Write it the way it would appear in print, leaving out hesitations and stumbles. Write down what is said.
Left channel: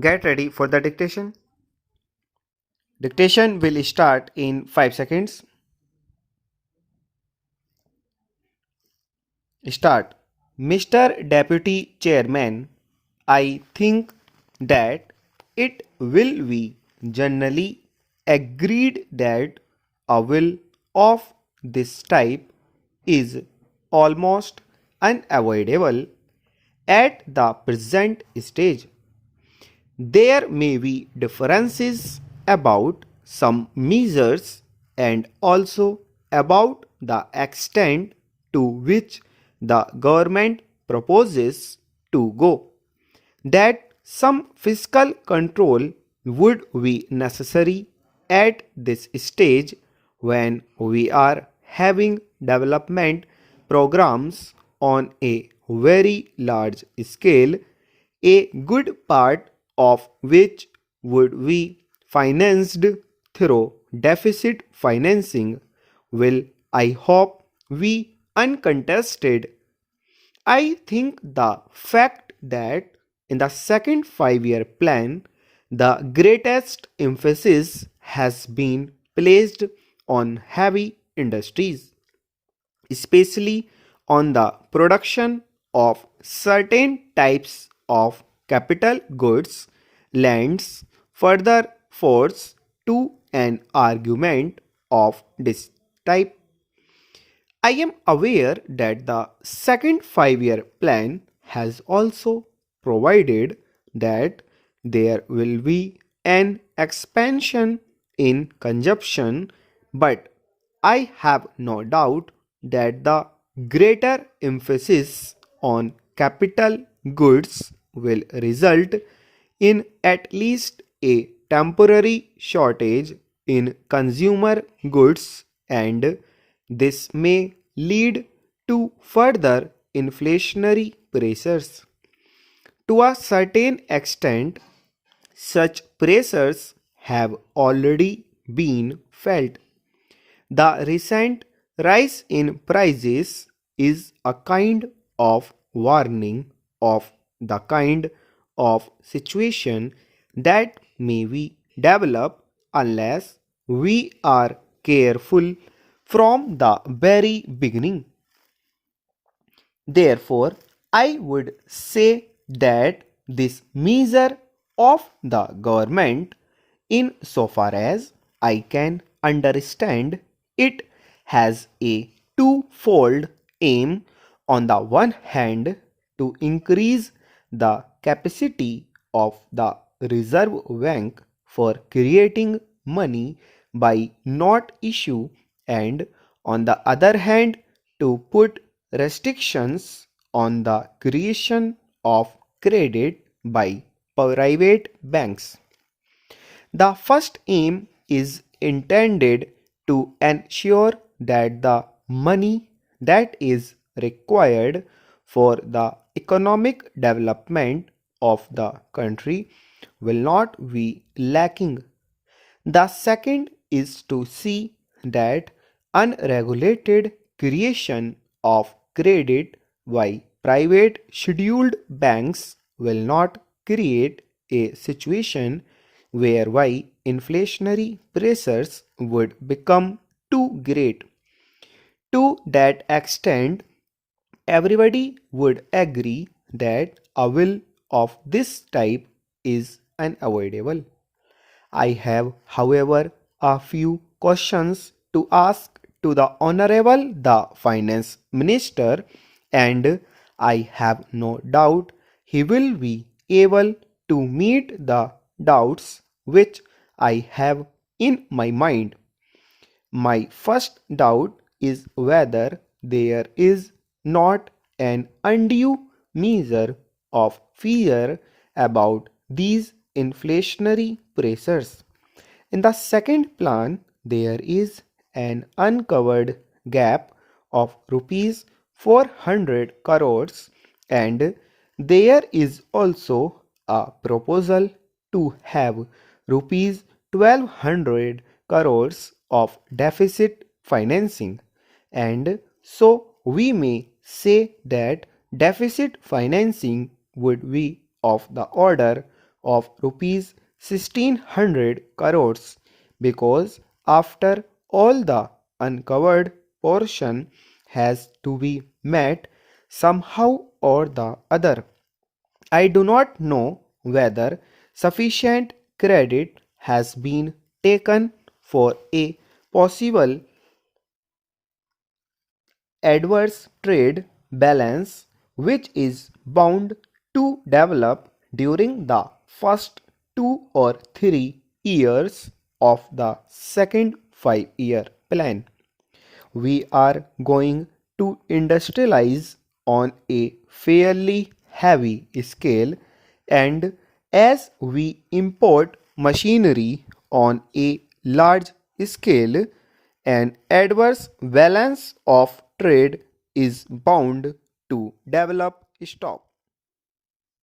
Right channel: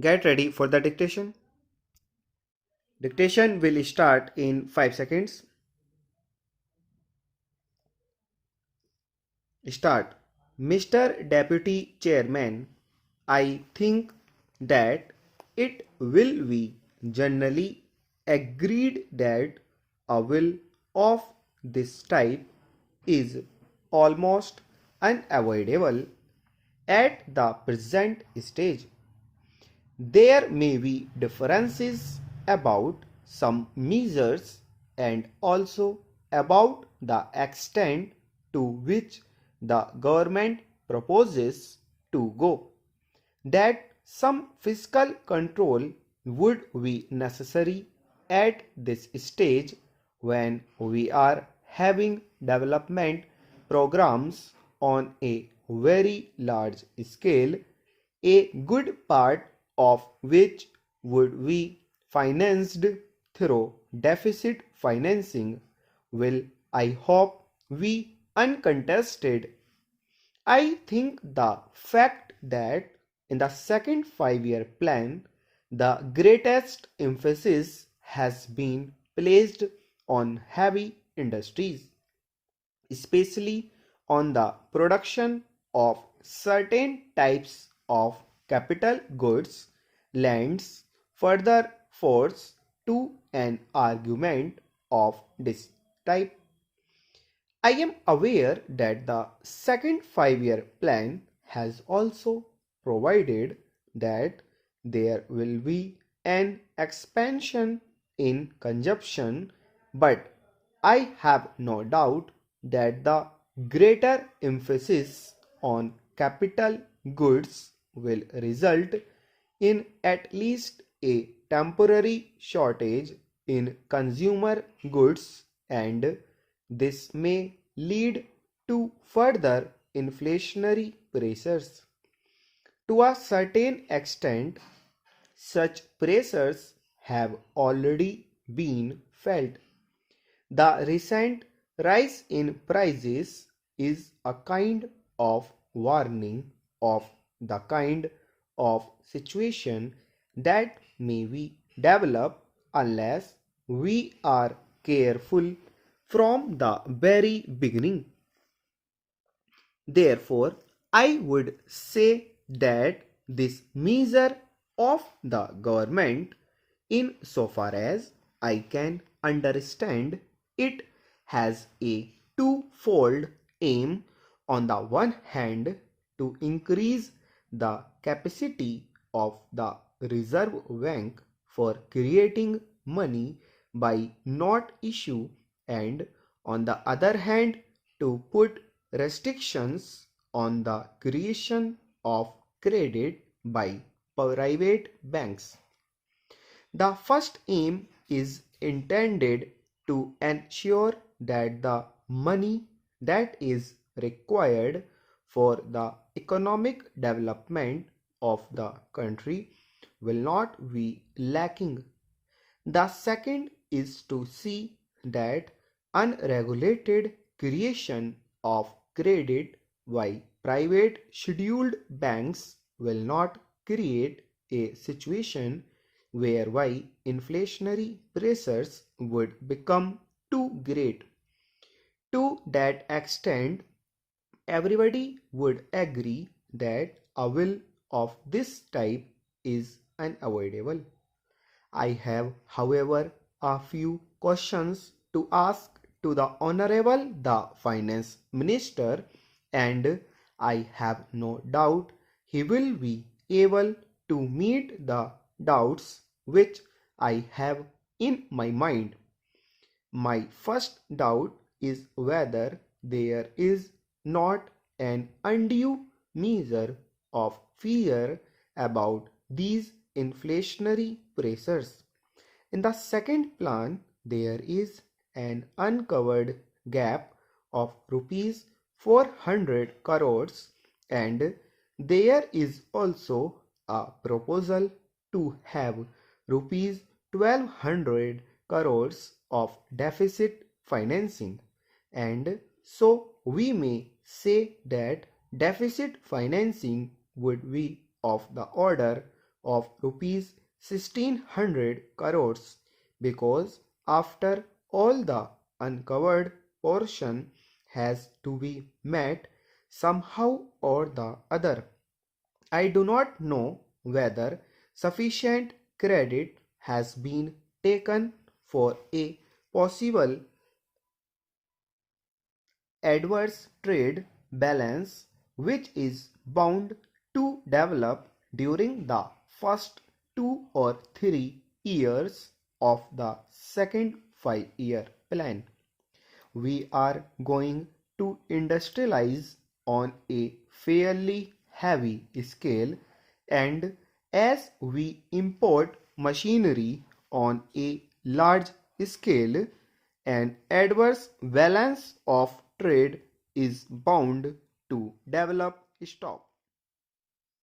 Get ready for the dictation. Dictation will start in 5 seconds. Start. Mr. Deputy Chairman, I think that it will be generally agreed that a will of this type is almost unavoidable at the present stage. There may be differences about some measures and also about the extent to which the government proposes to go. That some fiscal control would be necessary at this stage when we are having development programs on a very large scale, a good part of which would be financed through deficit financing will, I hope, be uncontested. I think the fact that in the second 5-year plan, the greatest emphasis has been placed on heavy industries, especially on the production of certain types of capital goods, lends further force to an argument of this type. I am aware that the second 5-year plan has also provided that there will be an expansion in consumption, but I have no doubt that the greater emphasis on capital goods will result in at least a temporary shortage in consumer goods, and this may lead to further inflationary pressures. To a certain extent, such pressures have already been felt. The recent rise in prices is a kind of warning of the kind of situation that may be developed unless we are careful from the very beginning. Therefore, I would say that this measure of the government, in so far as I can understand it, has a twofold aim. On the one hand, to increase the capacity of the Reserve Bank for creating money by not issue, and on the other hand, to put restrictions on the creation of credit by private banks. The first aim is intended to ensure that the money that is required for the economic development of the country will not be lacking. The second is to see that unregulated creation of credit by private scheduled banks will not create a situation whereby inflationary pressures would become too great. To that extent, everybody would agree that a will of this type is unavoidable. I have, however, a few questions to ask to the Honorable the Finance Minister, and I have no doubt he will be able to meet the doubts which I have in my mind. My first doubt is whether there is not an undue measure of fear about these inflationary pressures. In the second plan, there is an uncovered gap of rupees 400 crores, and there is also a proposal to have rupees 1200 crores of deficit financing, and so we may say that deficit financing would be of the order of rupees 1600 crores, because after all the uncovered portion has to be met somehow or the other. I do not know whether sufficient credit has been taken for a possible adverse trade balance which is bound to develop during the first 2 or 3 years of the second 5-year plan. We are going to industrialize on a fairly heavy scale, and as we import machinery on a large scale, an adverse balance of trade is bound to develop. Stop.